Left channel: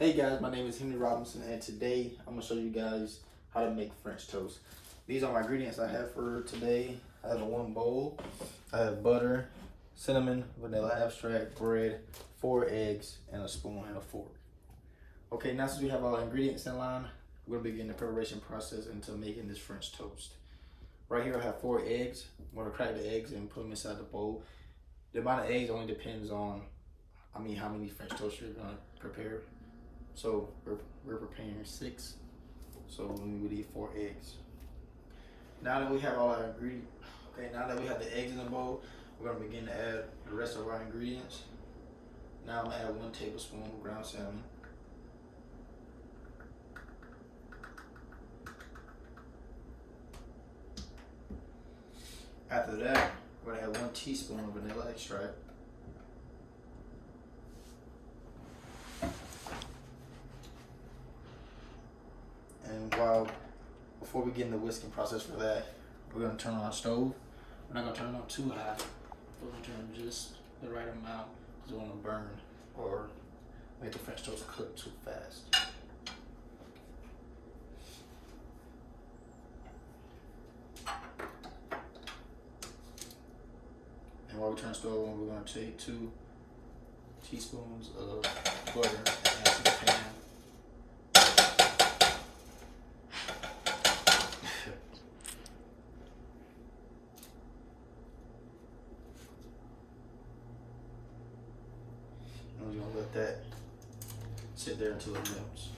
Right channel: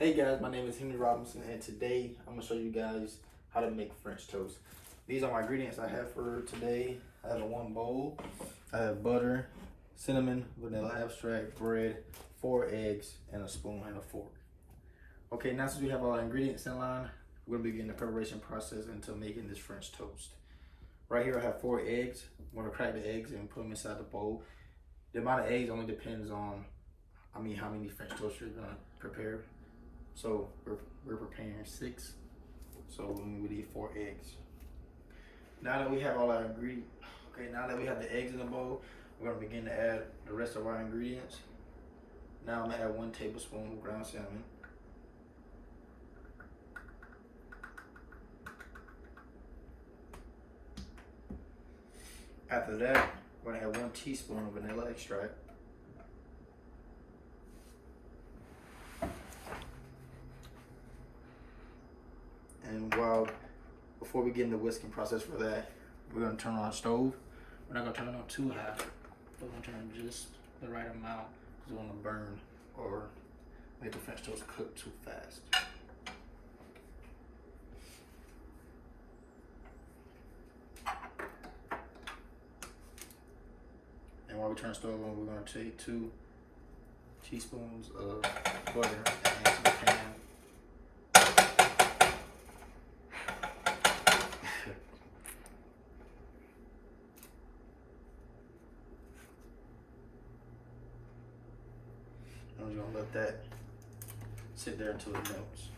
Hey guys, my name is Henry Robinson, and today I'm going to show you guys how to make French toast. These are my ingredients I have for today. I have one bowl. I have butter, cinnamon, vanilla extract, bread, 4 eggs, and a spoon and a fork. Okay, now since we have all our ingredients in line, we're going to begin the preparation process into making this French toast. Right here I have 4 eggs. I'm going to crack the eggs and put them inside the bowl. The amount of eggs only depends on how many French toast you're going to prepare. So we're preparing 6, so we need 4 eggs. Now that we have all our ingredients, now that we have the eggs in the bowl, we're gonna begin to add the rest of our ingredients. Now I'm gonna add 1 tablespoon of ground cinnamon. After that, we're gonna add 1 teaspoon of vanilla extract. And before we get in the whisking process for that, we're gonna turn on our stove. We're not gonna turn it on too high. We're gonna turn it just the right amount because we don't wanna burn or make the French toast cook too fast. And while we turn the stove on, we're gonna take 2 teaspoons of butter and add to the pan. And we're gonna let that sit there until it melts.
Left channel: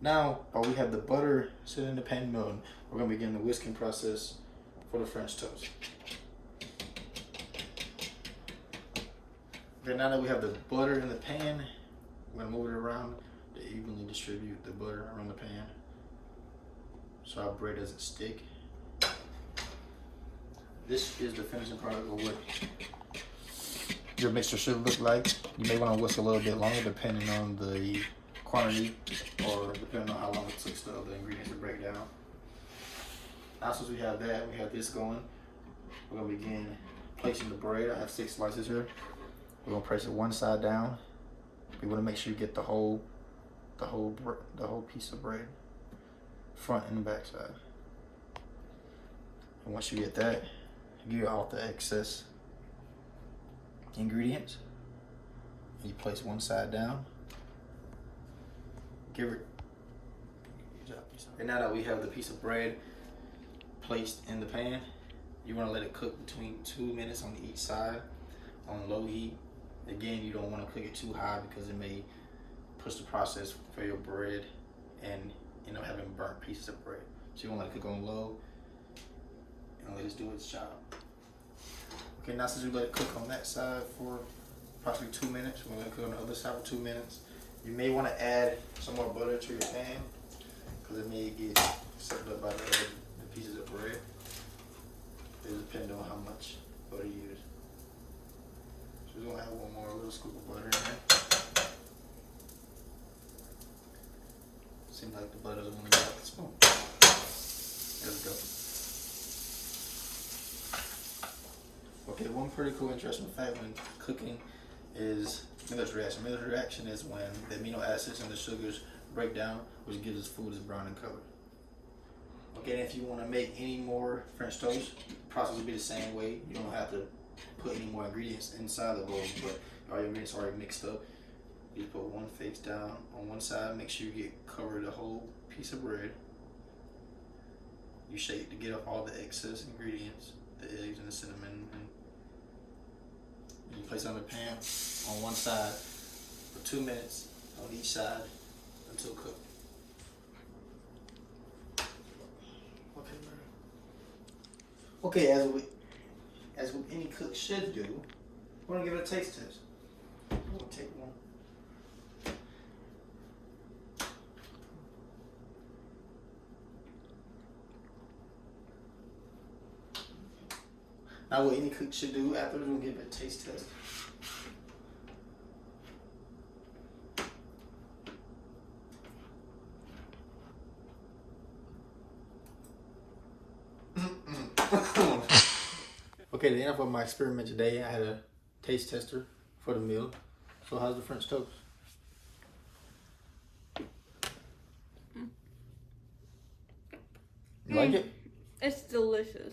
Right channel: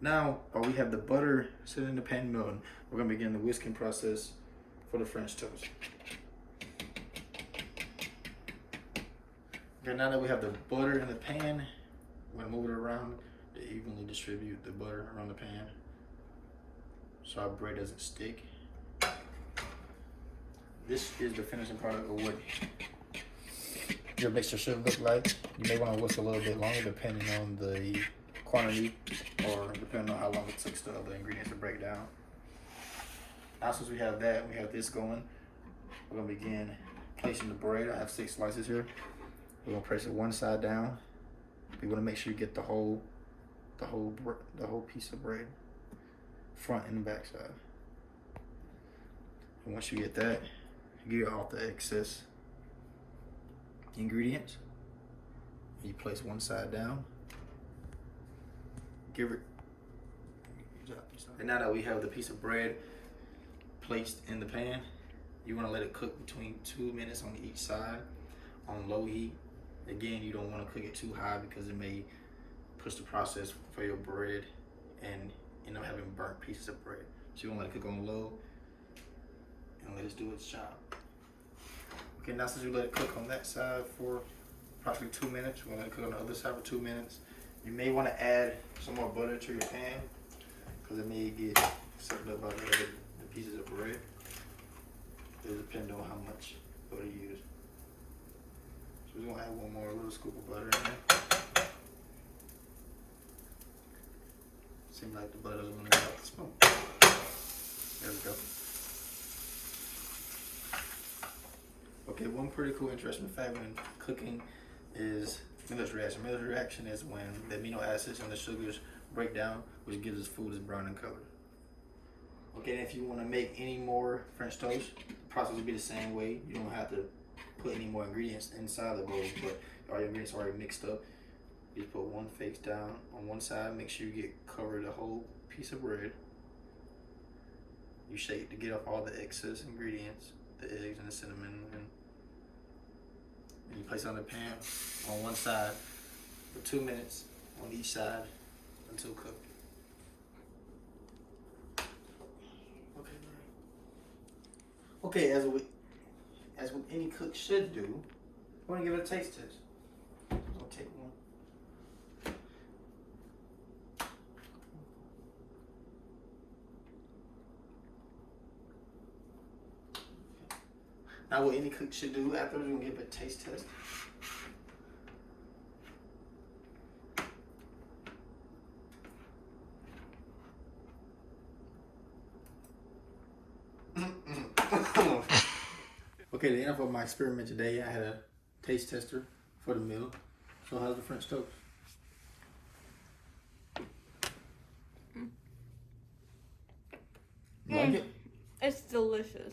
Now, while we have the butter sitting in the pan melting, we're gonna begin the whisking process for the French toast. Okay, now that we have the butter in the pan, we're gonna move it around to evenly distribute the butter around the pan so our bread doesn't stick. This is the finishing product of what your mixture should look like. You may want to whisk a little bit longer depending on the quantity or depending on how long it took the ingredients to break down. Now since we have that, we have this going, we're going to begin placing the bread. I have 6 slices here. We're going to place it one side down. We want to make sure you get the whole piece of bread, front and back side. And once you get that, you get off the excess ingredients. You place one side down. And now that we have the piece of bread placed in the pan, you want to let it cook between 2 minutes on each side on low heat. Again, you don't want to cook it too high because it may push the process for your bread and end up having burnt pieces of bread. So you want to let it cook on low and let it do its job. Okay, now since we let it cook on that side for approximately 2 minutes, we're gonna let it cook on the other side for 2 minutes. You may want to add some more butter to your pan because it may get sucked up by the pieces of bread. It depends on how much butter you use. So we're gonna add one more little scoop of butter in there. Seems like the butter is gonna go out the spoon. There we go. Okay, one pretty cool, interesting fact when cooking is Maillard reaction. Maillard reaction is when the amino acids and the sugars break down, which gives us food that's brown in color. Okay, and if you want to make any more French toast, the process will be the same way. You don't have to put any more ingredients inside the bowl, but all your ingredients are already mixed up. You just put one face down on one side, make sure you cover the whole piece of bread. You shake it to get off all the excess ingredients, the eggs and the cinnamon, and you place it on the pan on one side for 2 minutes on each side until cooked. Okay, as with any cook should do, we're gonna give it a taste test. We'll take one. Now what any cook should do after, we're gonna give it a taste test. Okay, the end of my experiment today, I had a taste tester for the meal. So how's the French toast? You like it? It's delicious.